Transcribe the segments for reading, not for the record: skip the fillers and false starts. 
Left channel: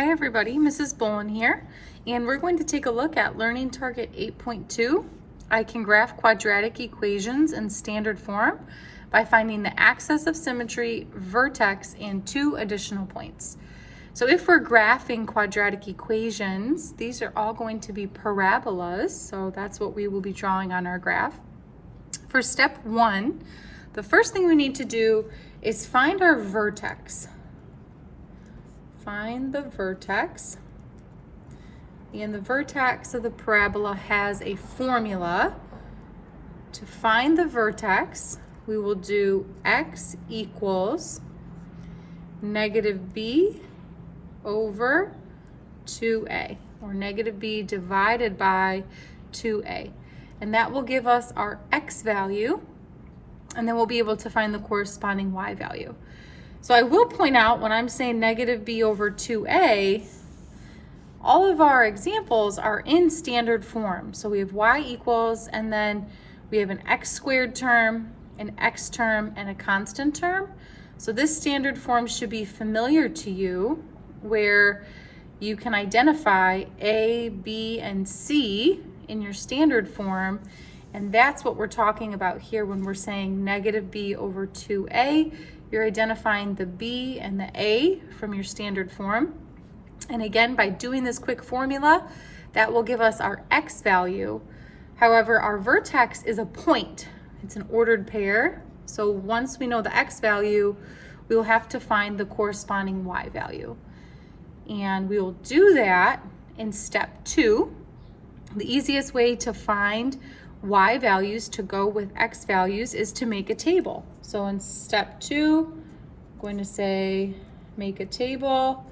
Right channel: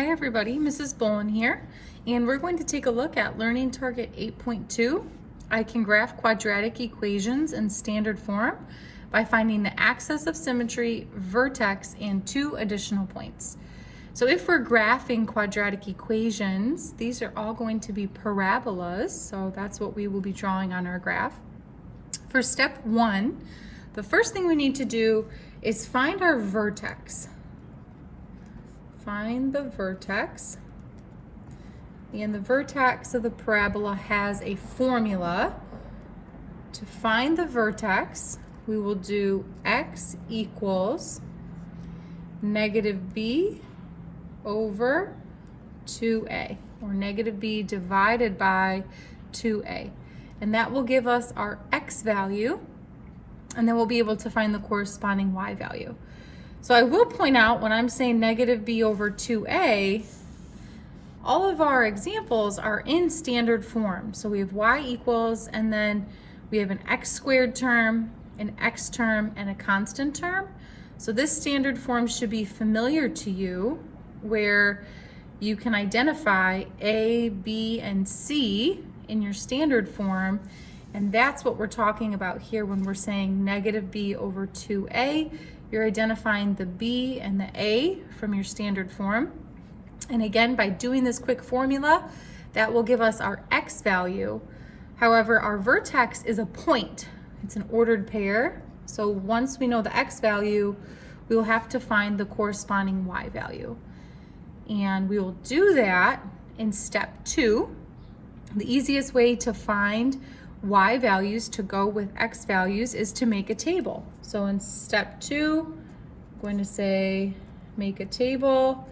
Hi everybody, Mrs. Bolin here, and we're going to take a look at Learning Target 8.2. I can graph quadratic equations in standard form by finding the axis of symmetry, vertex, and 2 additional points. So if we're graphing quadratic equations, these are all going to be parabolas, so that's what we will be drawing on our graph. For step 1, the first thing we need to do is find our vertex. Find the vertex, and the vertex of the parabola has a formula. To find the vertex, we will do x equals negative b over 2a, or negative b divided by 2a, and that will give us our x value, and then we'll be able to find the corresponding y value. So I will point out, when I'm saying negative b over 2a, all of our examples are in standard form. So we have y equals, and then we have an x squared term, an x term, and a constant term. So this standard form should be familiar to you, where you can identify a, b, and c in your standard form, and that's what we're talking about here when we're saying negative b over 2a. You're identifying the b and the a from your standard form. And again, by doing this quick formula, that will give us our x value. However, our vertex is a point. It's an ordered pair. So once we know the x value, we will have to find the corresponding y value. And we will do that in step 2. The easiest way to find y values to go with x values is to make a table. So in step 2, I'm going to say make a table,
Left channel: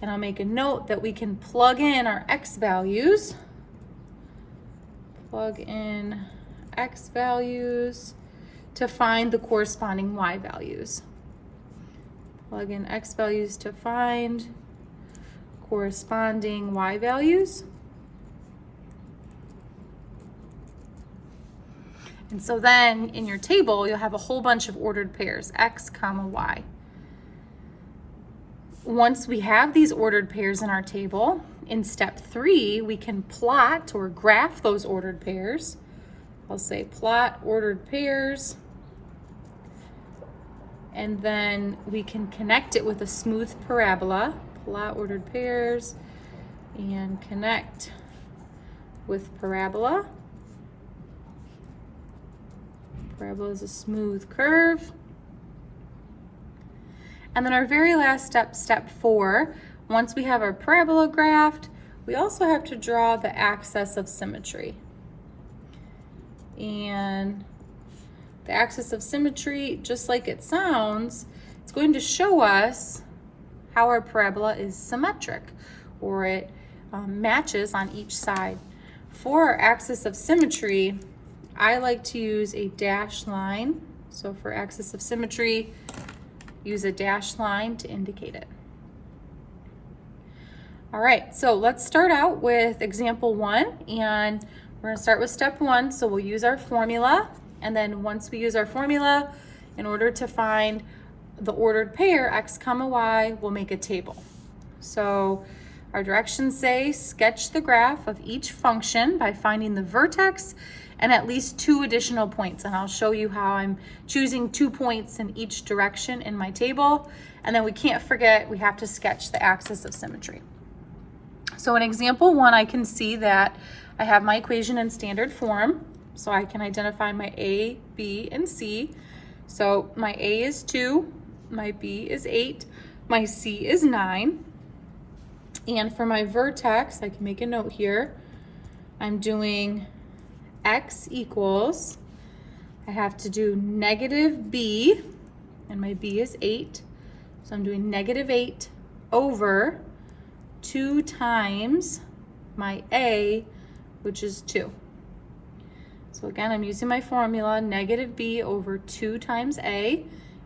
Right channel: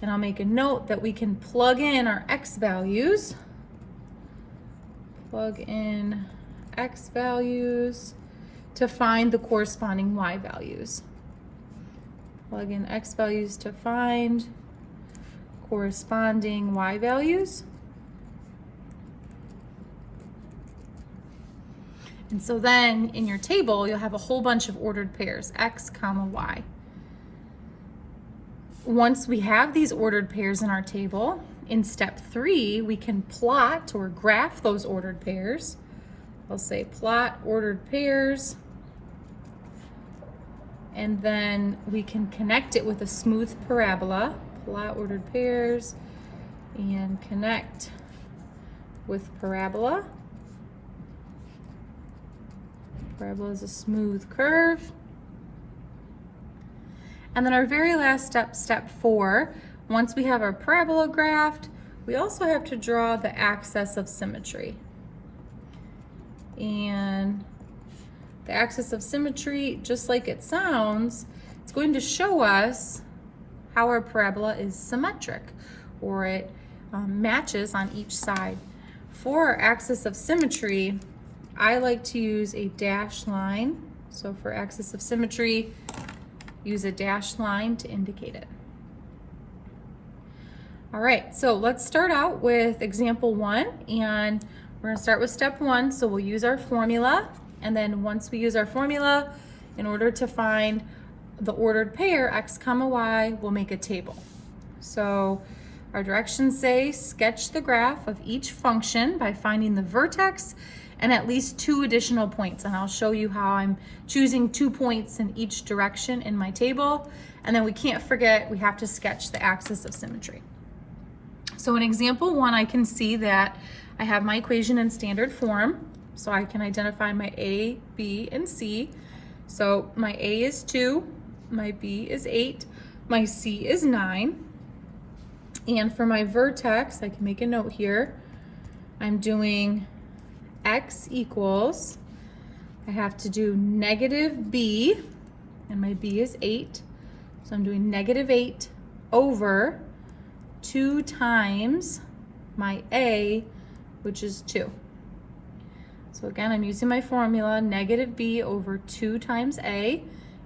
and I'll make a note that we can plug in our x values. Plug in x values to find the corresponding y values. Plug in x values to find corresponding y values. And so then in your table, you'll have a whole bunch of ordered pairs, x comma y. Once we have these ordered pairs in our table, in step 3, we can plot or graph those ordered pairs. I'll say plot ordered pairs, and then we can connect it with a smooth parabola. Plot ordered pairs and connect with parabola. Parabola is a smooth curve. And then our very last step, step 4, once we have our parabola graphed, we also have to draw the axis of symmetry. And the axis of symmetry, just like it sounds, it's going to show us how our parabola is symmetric, or it matches on each side. For our axis of symmetry, I like to use a dashed line. So for axis of symmetry, use a dashed line to indicate it. All right, so let's start out with example 1, and we're gonna start with step 1. So we'll use our formula, and then once we use our formula, in order to find the ordered pair, x comma y, we'll make a table. So our directions say sketch the graph of each function by finding the vertex and at least 2 additional points. And I'll show you how I'm choosing 2 points in each direction in my table. And then we can't forget, we have to sketch the axis of symmetry. So in example 1, I can see that I have my equation in standard form. So I can identify my a, b, and c. So my a is 2, my b is 8, my c is 9. And for my vertex, I can make a note here. I'm doing x equals, I have to do negative b, and my b is 8. So I'm doing negative 8 over 2 times my a, which is 2. So again, I'm using my formula, negative b over 2 times a,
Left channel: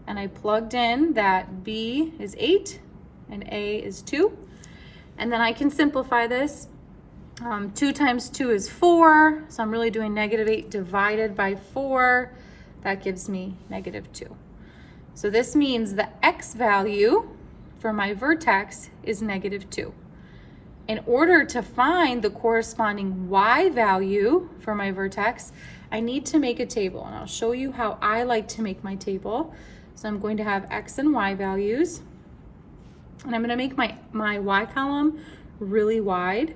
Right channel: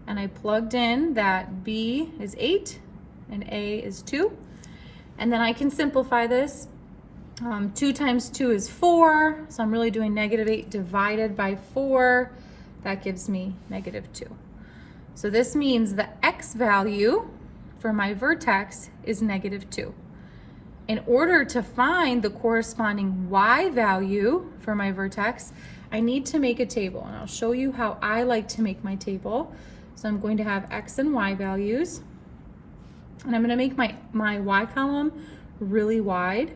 and I plugged in that b is 8 and a is 2. And then I can simplify this. 2 times 2 is 4, so I'm really doing negative 8 divided by 4. That gives me negative 2. So this means the x value for my vertex is -2. In order to find the corresponding y value for my vertex, I need to make a table, and I'll show you how I like to make my table. So I'm going to have x and y values, and I'm going to make my y column really wide.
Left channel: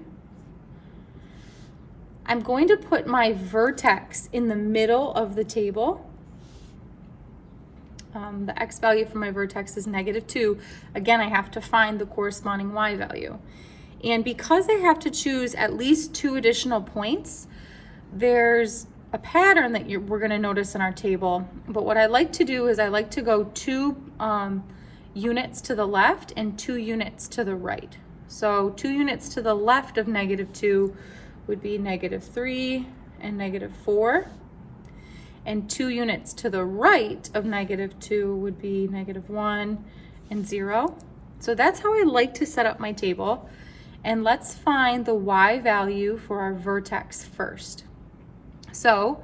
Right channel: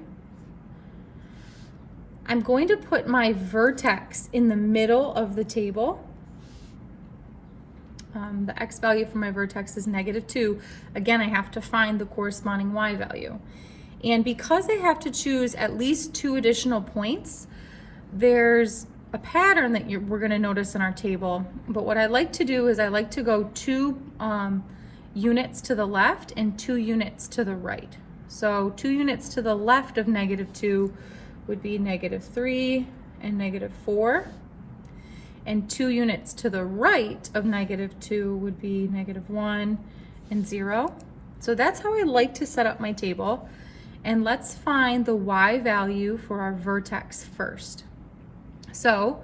I'm going to put my vertex in the middle of the table. The x value for my vertex is -2. Again, I have to find the corresponding y value. And because I have to choose at least 2 additional points, there's a pattern that we're going to notice in our table. But what I like to do is I like to go 2 units to the left and 2 units to the right. So 2 units to the left of -2 would be -3 and -4. And 2 units to the right of -2 would be -1 and 0. So that's how I like to set up my table. And let's find the y value for our vertex first. So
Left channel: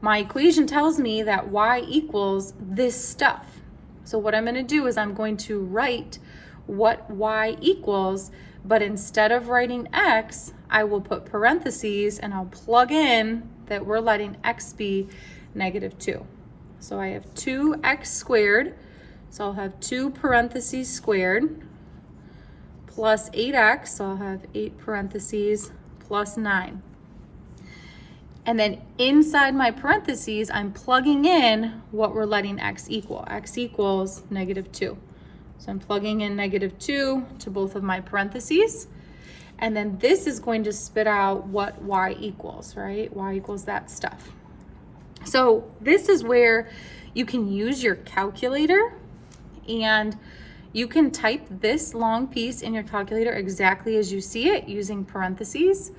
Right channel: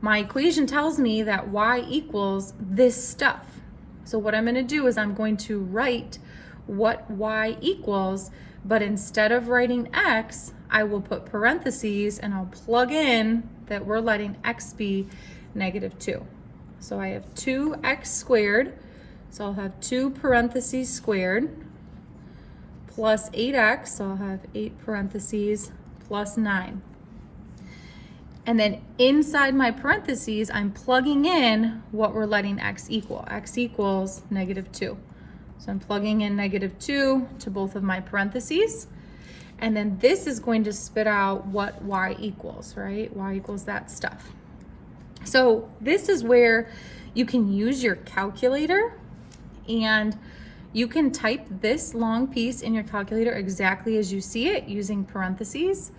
my equation tells me that y equals this stuff. So what I'm going to do is I'm going to write what y equals, but instead of writing x, I will put parentheses and I'll plug in that we're letting x be -2. So I have 2x squared, so I'll have 2 parentheses squared, plus 8x, so I'll have 8 parentheses, plus 9. And then inside my parentheses, I'm plugging in what we're letting x equal. X equals -2. So I'm plugging in -2 to both of my parentheses. And then this is going to spit out what y equals, right? Y equals that stuff. So this is where you can use your calculator, and you can type this long piece in your calculator exactly as you see it using parentheses.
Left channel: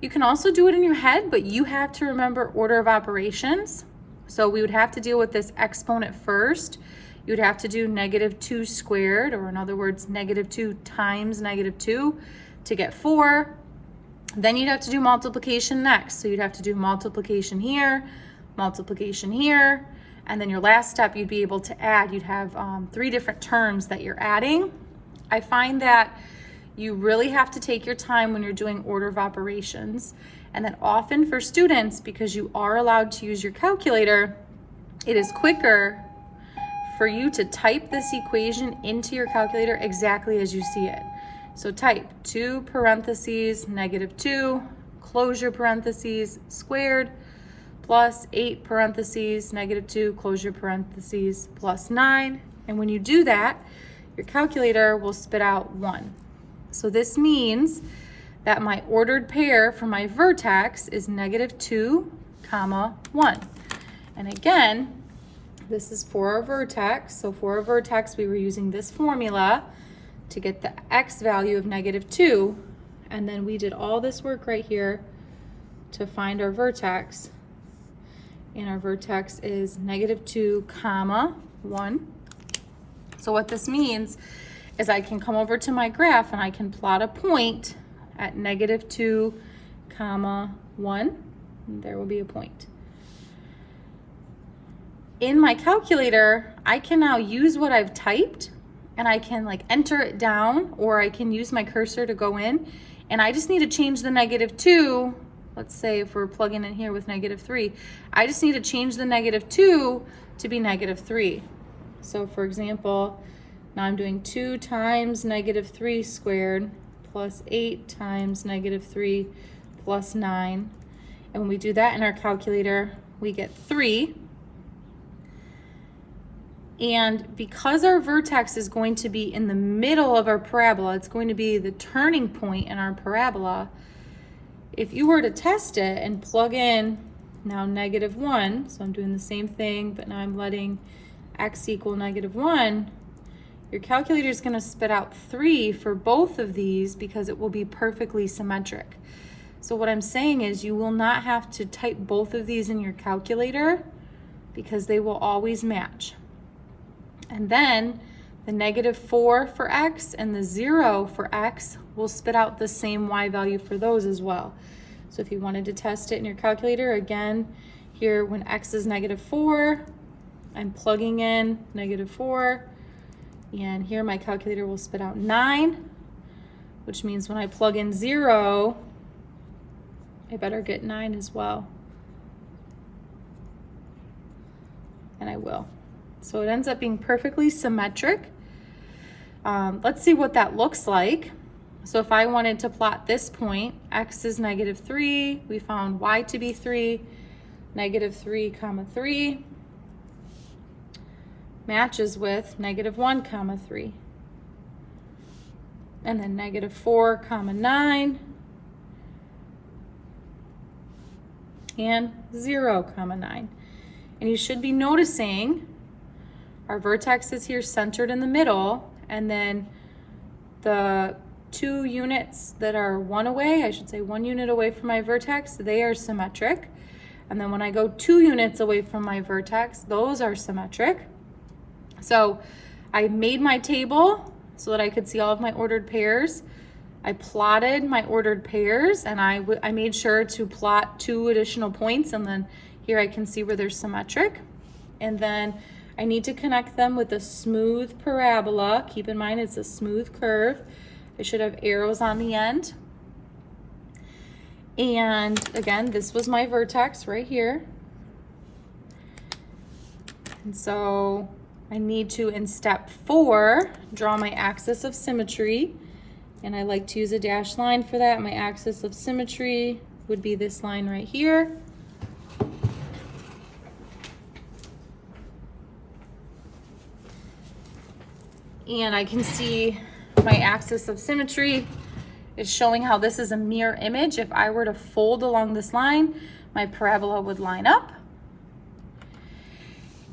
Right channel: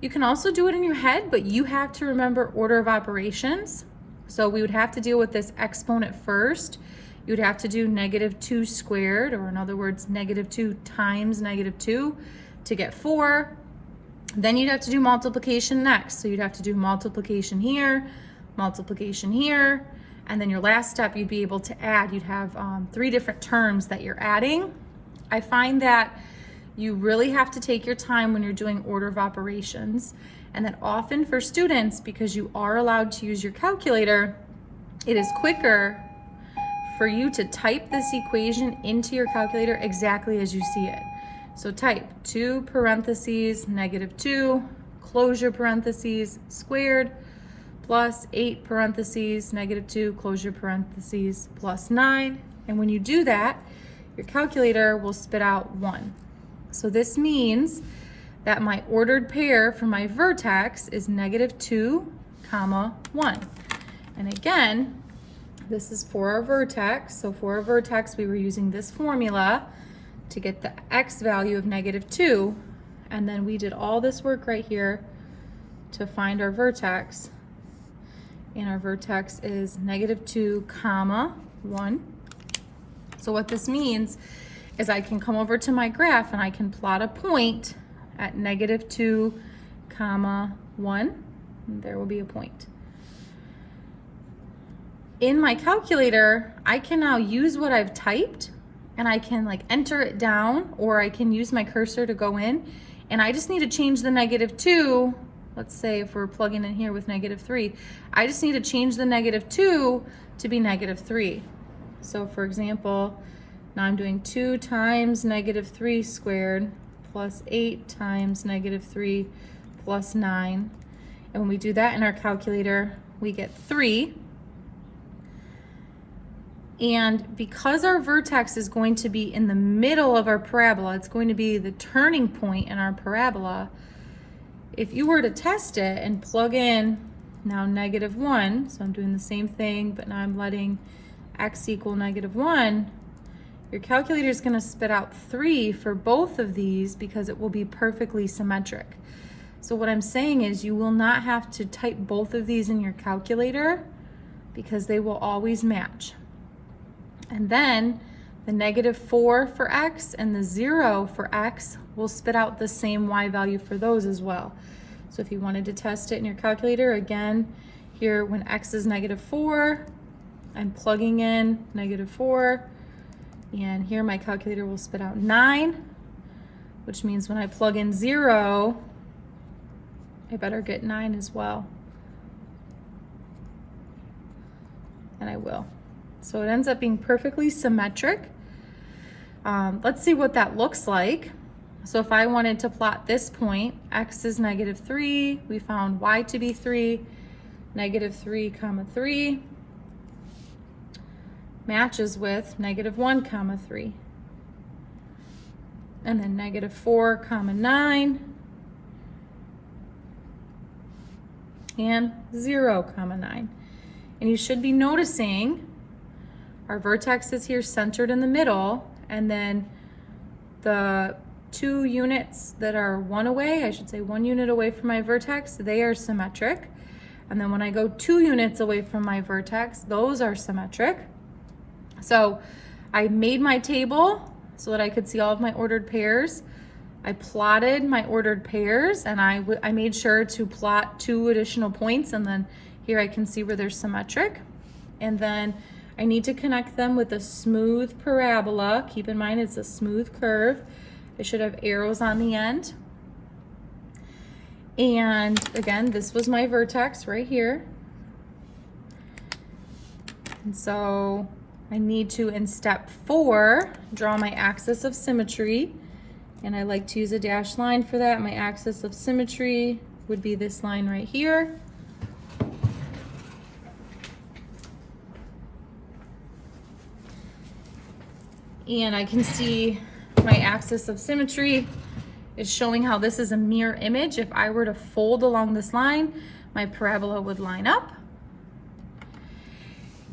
You can also do it in your head, but you have to remember order of operations. So we would have to deal with this exponent first. You would have to do -2 squared, or in other words, -2 times -2 to get 4. Then you'd have to do multiplication next. So you'd have to do multiplication here, and then your last step you'd be able to add. You'd have 3 different terms that you're adding. I find that you really have to take your time when you're doing order of operations, and that often for students, because you are allowed to use your calculator, it is quicker for you to type this equation into your calculator exactly as you see it. So type 2 parentheses -2, close your parentheses, squared, plus 8 parentheses, -2, close your parentheses, plus 9. And when you do that, your calculator will spit out 1. So this means that my ordered pair for my vertex is -2, 1. And again, this is for our vertex. So for our vertex, we were using this formula to get the x value of -2. And then we did all this work right here to find our vertex. And our vertex is -2, 1. So what this means is I can come over to my graph and I can plot a point at -2, 1. And there will be a point. In my calculator, I can now use what I've typed, and I can enter it down, or I can use my cursor to go in, and I just need to change the -2. Let's say if we're plugging in here with -3, I just need to change the -2 to be -3. So for example, now I'm doing 2 times -3 squared plus 8 times -3 plus 9. And when we do that in our calculator, we get 3. And because our vertex is going to be in the middle of our parabola, it's going to be the turning point in our parabola. If you were to test it and plug in now -1, so I'm doing the same thing, but now I'm letting x equal -1, your calculator is going to spit out 3 for both of these because it will be perfectly symmetric. So what I'm saying is you will not have to type both of these in your calculator because they will always match. And then the -4 for x and the 0 for x will spit out the same y value for those as well. So if you wanted to test it in your calculator, again, here when x is -4, I'm plugging in -4, And here my calculator will spit out 9, which means when I plug in 0, I better get 9 as well. And I will. So it ends up being perfectly symmetric. Let's see what that looks like. So if I wanted to plot this point, x is -3, we found y to be 3, -3, 3, matches with -1, 3, and then -4, 9, and 0, 9. And you should be noticing our vertex is here centered in the middle, and then the 2 units that are 1 away, I should say 1 unit away from my vertex, they are symmetric. And then when I go 2 units away from my vertex, those are symmetric. So I made my table so that I could see all of my ordered pairs. I plotted my ordered pairs, and I made sure to plot 2 additional points, and then here I can see where they're symmetric. And then I need to connect them with a smooth parabola. Keep in mind it's a smooth curve. It should have arrows on the end. And again, this was my vertex right here. And so I need to, in step 4, draw my axis of symmetry. And I like to use a dashed line for that. My axis of symmetry would be this line right here. And I can see my axis of symmetry is showing how this is a mirror image. If I were to fold along this line, my parabola would line up.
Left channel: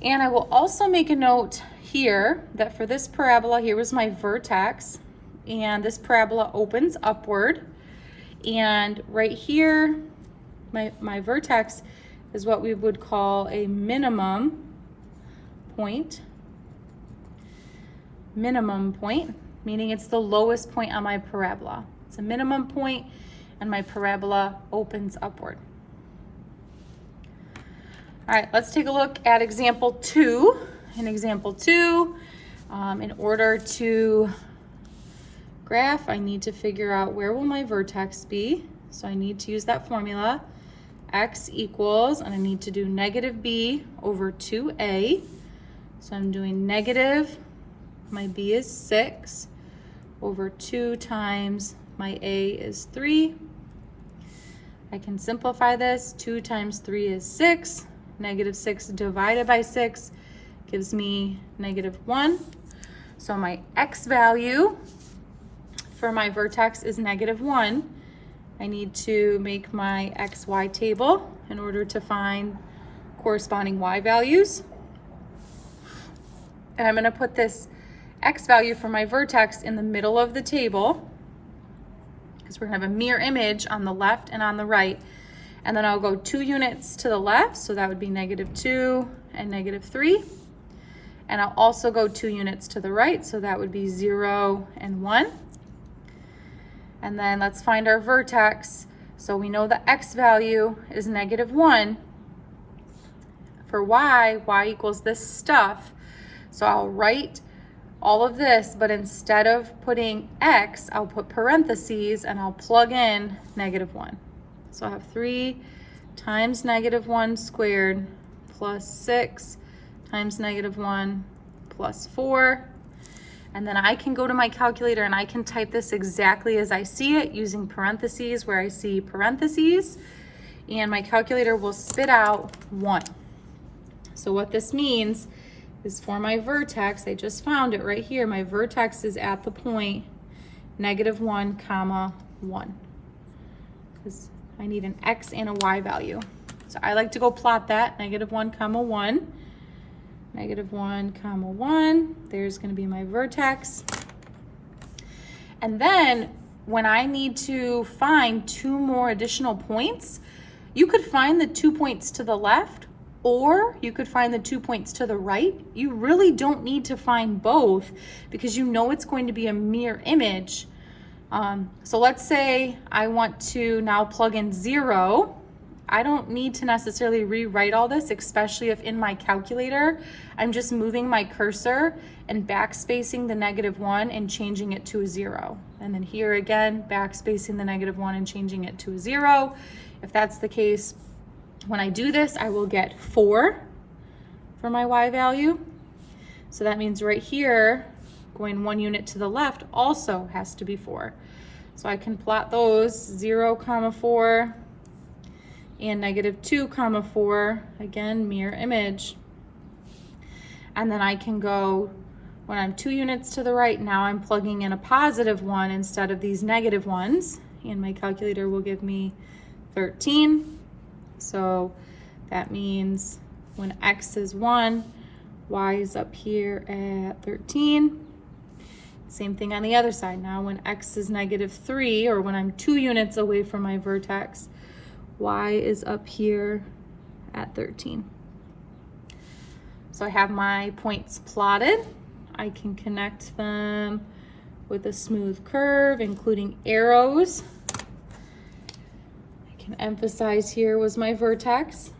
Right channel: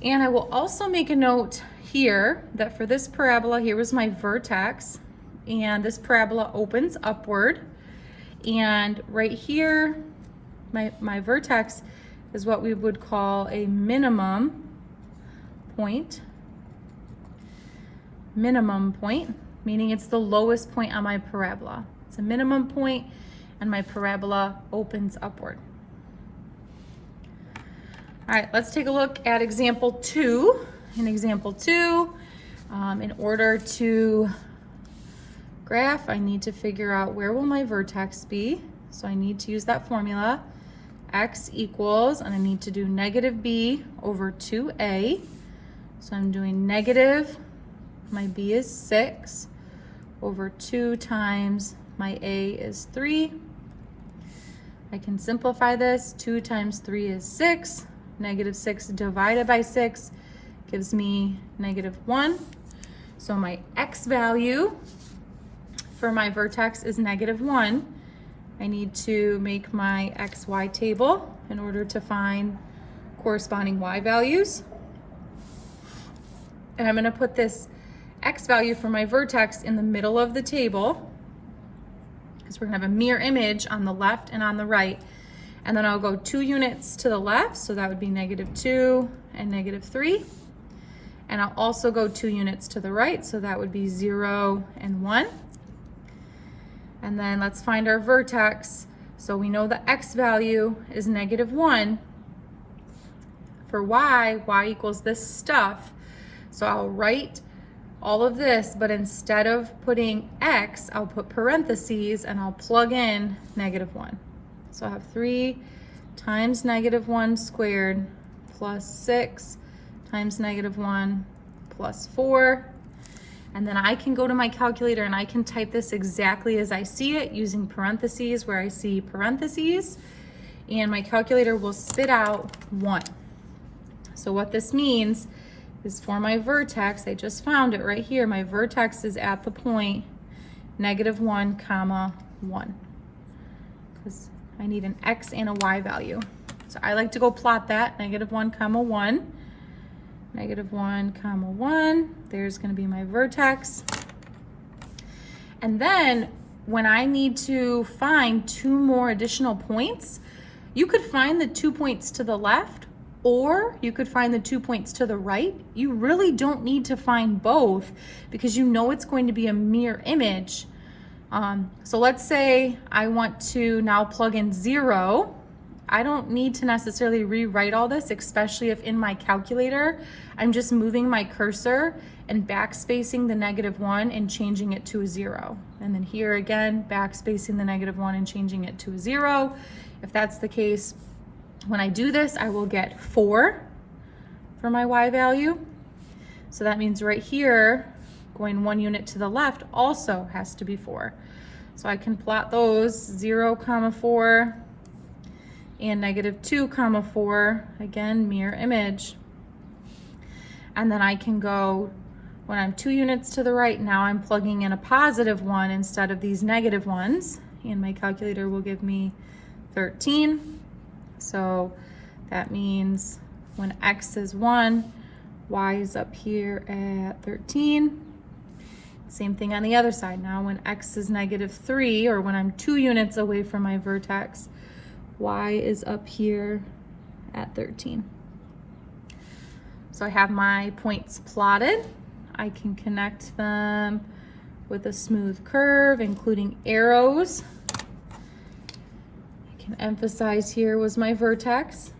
And I will also make a note here that for this parabola, here was my vertex, and this parabola opens upward. And right here, my vertex is what we would call a minimum point. Minimum point, meaning it's the lowest point on my parabola. It's a minimum point, and my parabola opens upward. All right, let's take a look at example 2. In example 2, in order to graph, I need to figure out where will my vertex be. So I need to use that formula, x equals, and I need to do -b over 2a. So I'm doing negative, my b is 6, over 2 times my a is 3. I can simplify this. 2 times 3 is 6. -6 divided by 6 gives me -1. So my x value for my vertex is -1. I need to make my xy table in order to find corresponding y values. And I'm going to put this x value for my vertex in the middle of the table, because we're going to have a mirror image on the left and on the right. And then I'll go 2 units to the left, so that would be -2 and -3. And I'll also go 2 units to the right, so that would be 0 and 1. And then let's find our vertex. So we know the x value is -1. For y equals this stuff. So I'll write all of this, but instead of putting x, I'll put parentheses and I'll plug in -1. So I have 3 times -1 squared plus 6 times -1 plus 4. And then I can go to my calculator and I can type this exactly as I see it using parentheses where I see parentheses, and my calculator will spit out 1. So what this means is for my vertex, I just found it right here, my vertex is at the point -1, 1. Because I need an x and a y value. So I like to go plot that, -1, 1. -1, 1. There's going to be my vertex. And then when I need to find 2 more additional points, you could find the 2 points to the left, or you could find the 2 points to the right. You really don't need to find both, because you know it's going to be a mirror image. So let's say I want to now plug in 0 I don't need to necessarily rewrite all this, especially if in my calculator, I'm just moving my cursor and backspacing the -1 and changing it to a 0. And then here again, backspacing the -1 and changing it to a 0. If that's the case, when I do this, I will get 4 for my y value. So that means right here, going 1 unit to the left also has to be 4. So I can plot those 0, 4, and -2, 4, again, mirror image. And then I can go, when I'm 2 units to the right, now I'm plugging in a +1 instead of these -1s, and my calculator will give me 13. So that means when x is 1, y is up here at 13. Same thing on the other side. Now when x is -3, or when I'm 2 units away from my vertex, y is up here at 13. So I have my points plotted. I can connect them with a smooth curve, including arrows. I can emphasize here was my vertex.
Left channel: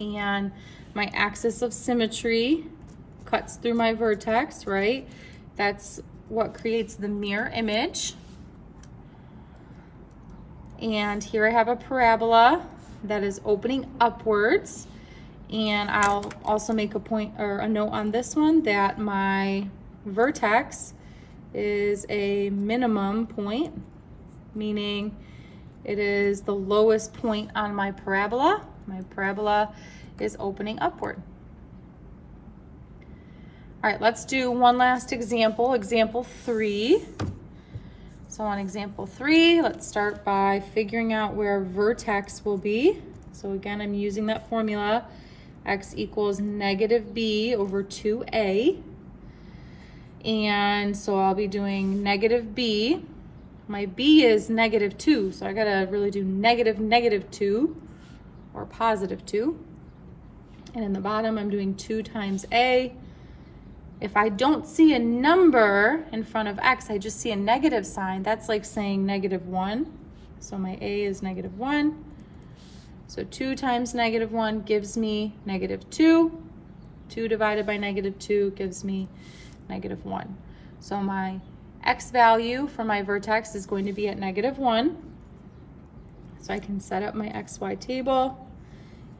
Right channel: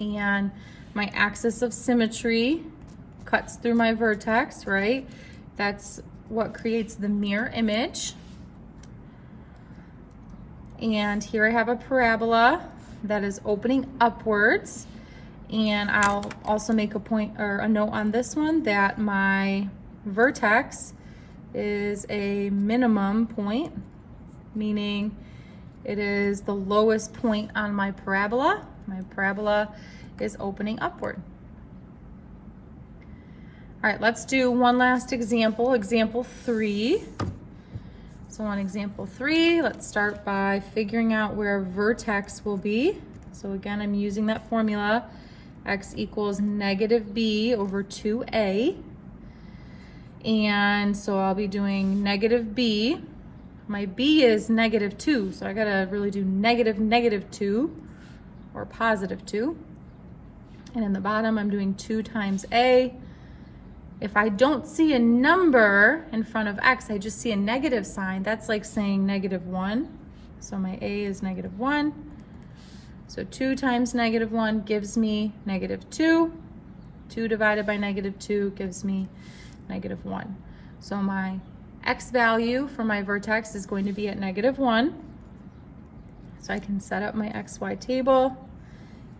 And my axis of symmetry cuts through my vertex, right? That's what creates the mirror image. And here I have a parabola that is opening upwards. And I'll also make a point or a note on this one that my vertex is a minimum point, meaning it is the lowest point on my parabola. My parabola is opening upward. All right, let's do one last example, example 3. So on example 3, let's start by figuring out where vertex will be. So again, I'm using that formula, x equals -b over 2a. And so I'll be doing -b. My b is -2, so I gotta really do -2 or +2. And in the bottom, I'm doing 2 times a. If I don't see a number in front of x, I just see a negative sign. That's like saying -1. So my a is -1. So 2 times -1 gives me -2. 2 divided by -2 gives me -1. So my x value for my vertex is going to be at -1. So I can set up my xy table,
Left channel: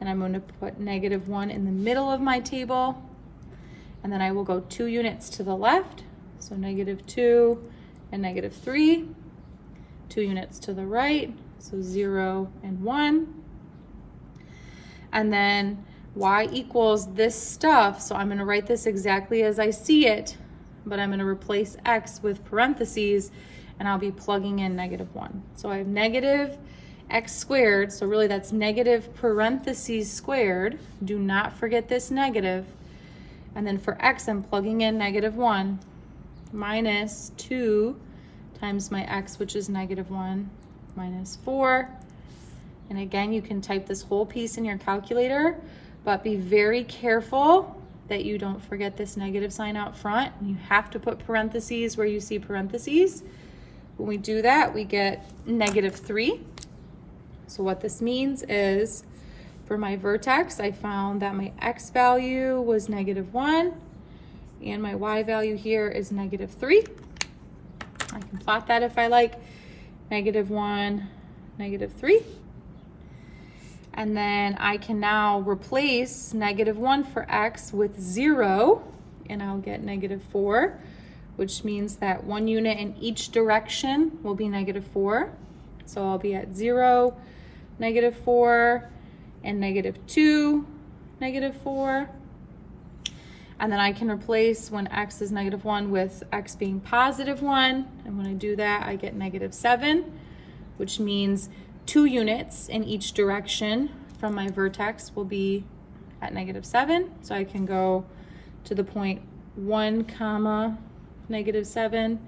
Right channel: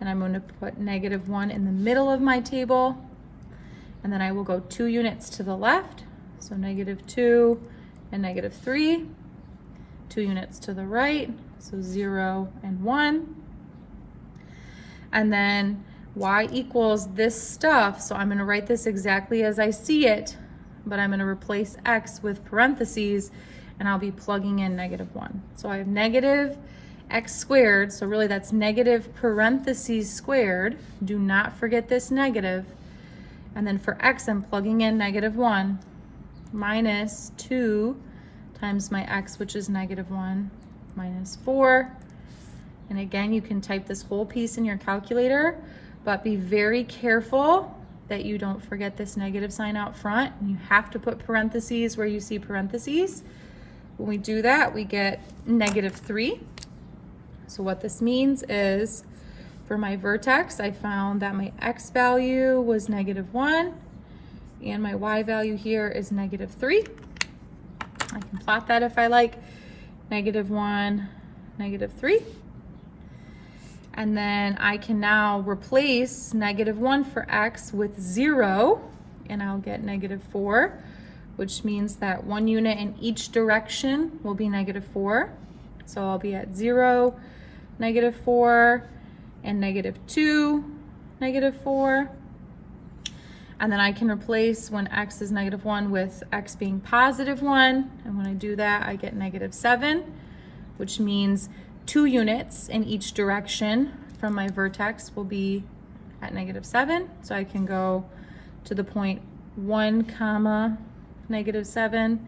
and I'm going to put -1 in the middle of my table. And then I will go 2 units to the left, so -2 and -3. 2 units to the right, so 0 and 1. And then y equals this stuff, so I'm gonna write this exactly as I see it, but I'm gonna replace x with parentheses, and I'll be plugging in -1. So I have negative x squared, so really that's negative parentheses squared. Do not forget this negative. And then for x, I'm plugging in -1 minus 2 times my x, which is -1, minus 4. And again, you can type this whole piece in your calculator, but be very careful that you don't forget this negative sign out front. You have to put parentheses where you see parentheses. When we do that, we get -3. So what this means is, for my vertex, I found that my x value was -1, and my y value here is -3. I can plot that if I like, -1, -3. And then I can now replace -1 for x with 0, and I'll get -4, which means that 1 unit in each direction will be -4. So I'll be at 0, -4, and -2, -4. And then I can replace when x is -1 with x being +1. And when I do that, I get -7, which means 2 units in each direction from my vertex will be at -7. So I can go to the point 1, -7,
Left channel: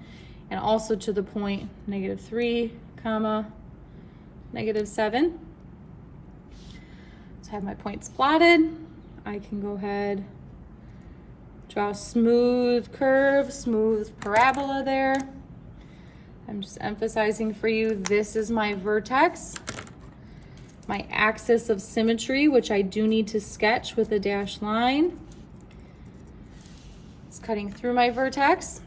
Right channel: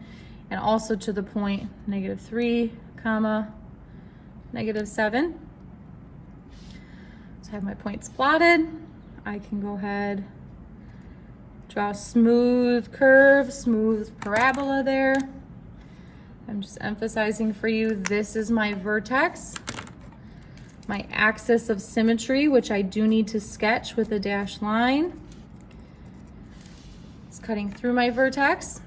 and also to the point -3, -7. So I have my points plotted. I can go ahead, draw a smooth curve, smooth parabola there. I'm just emphasizing for you, this is my vertex. my axis of symmetry, which I do need to sketch with a dashed line. It's cutting through my vertex.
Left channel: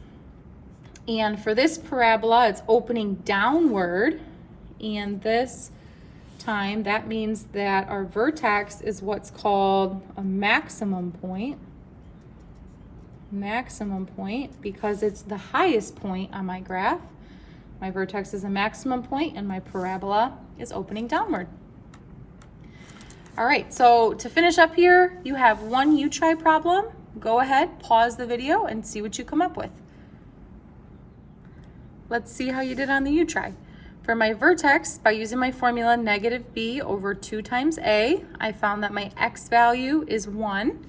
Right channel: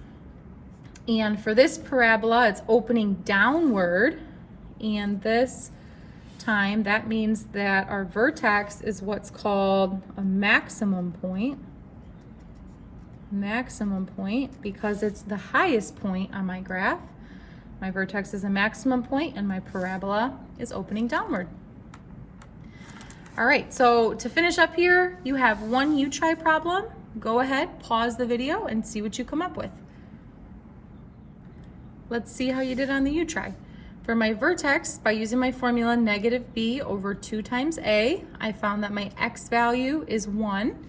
And for this parabola, it's opening downward. And this time, that means that our vertex is what's called a maximum point. Maximum point, because it's the highest point on my graph. My vertex is a maximum point and my parabola is opening downward. All right, so to finish up here, you have one U-try problem. Go ahead, pause the video and see what you come up with. Let's see how you did on the U-try. For my vertex, by using my formula negative b over 2 times a, I found that my x value is 1.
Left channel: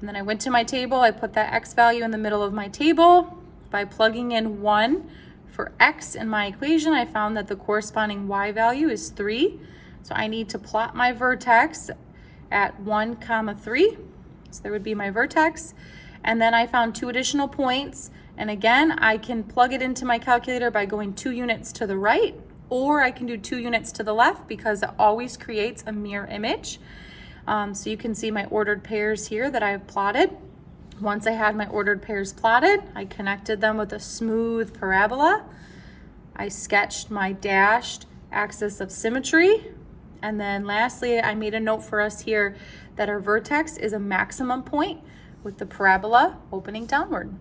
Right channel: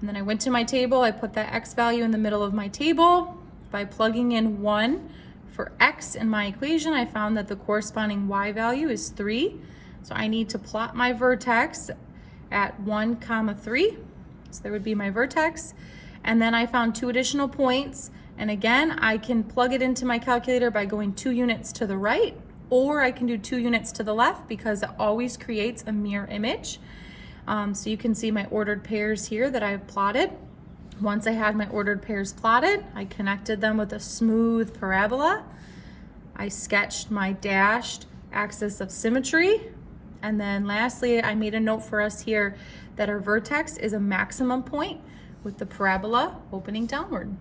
And then I went to my table, I put that x value in the middle of my table. By plugging in 1 for x in my equation, I found that the corresponding y value is 3. So I need to plot my vertex at 1, 3. So there would be my vertex. And then I found 2 additional points. And again, I can plug it into my calculator by going 2 units to the right, or I can do 2 units to the left because it always creates a mirror image. So you can see my ordered pairs here that I've plotted. Once I had my ordered pairs plotted, I connected them with a smooth parabola. I sketched my dashed axis of symmetry. And then lastly, I made a note for us here that our vertex is a maximum point with the parabola opening downward.